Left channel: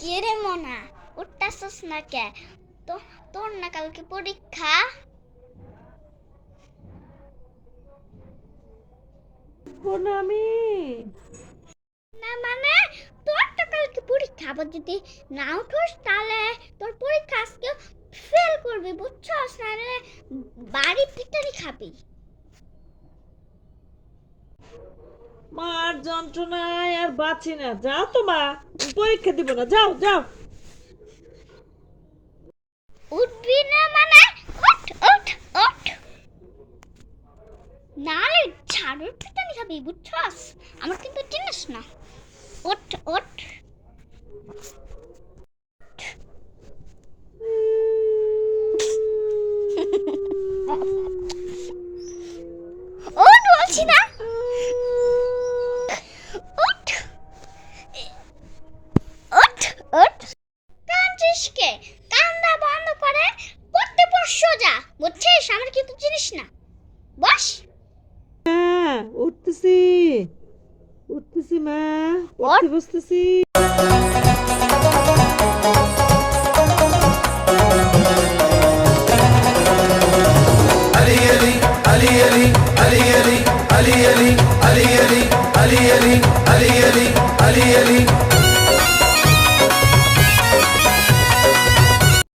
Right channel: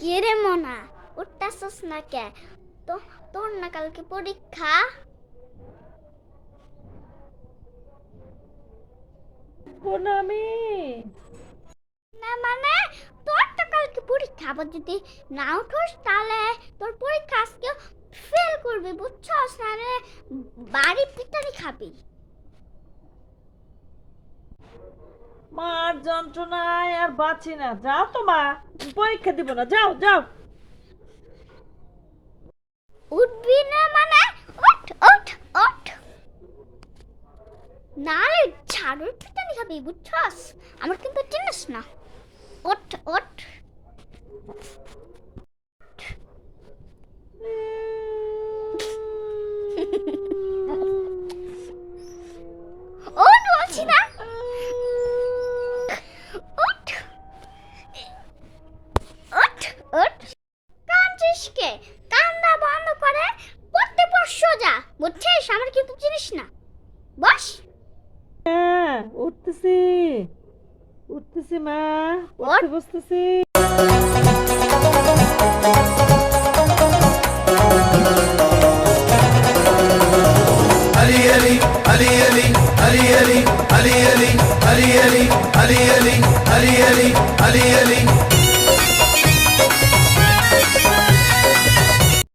কে রে মোনা, উঠতাছস না কে? তো তোর না কালকে পরীক্ষা? আমি না মানে তোর তো কালকে পরীক্ষা, আবার যদি না উঠোস তাহলে তোর পরীক্ষা আজকে ফেল করবি, বুঝছস? নাহলে বাড়ি পিটানি খাবি। মার যন্ত্রণায় আর বাঁচি না। যাও তো মা, পরীক্ষা দিব না, যাও যাও। উঠবি না মানে ওঠ ওঠ ওঠ, নাহলে ঝাড়ুর পিটানি খাবি, বুঝছস? আমার কিন্তু চিনিস না। ওঠ ওঠ। ওঠ বলছি না। ওঠ ওঠ ওঠ। কাঁদছিস কে? কান্দা বন্ধ করে পড়তে বস সোজা, বুঝছিস? আমার কিন্তু চিনিস না। বস। হ্যাঁ, উঠতেছি উঠতেছি মা, ওঠ। উঠতে বসতেছি।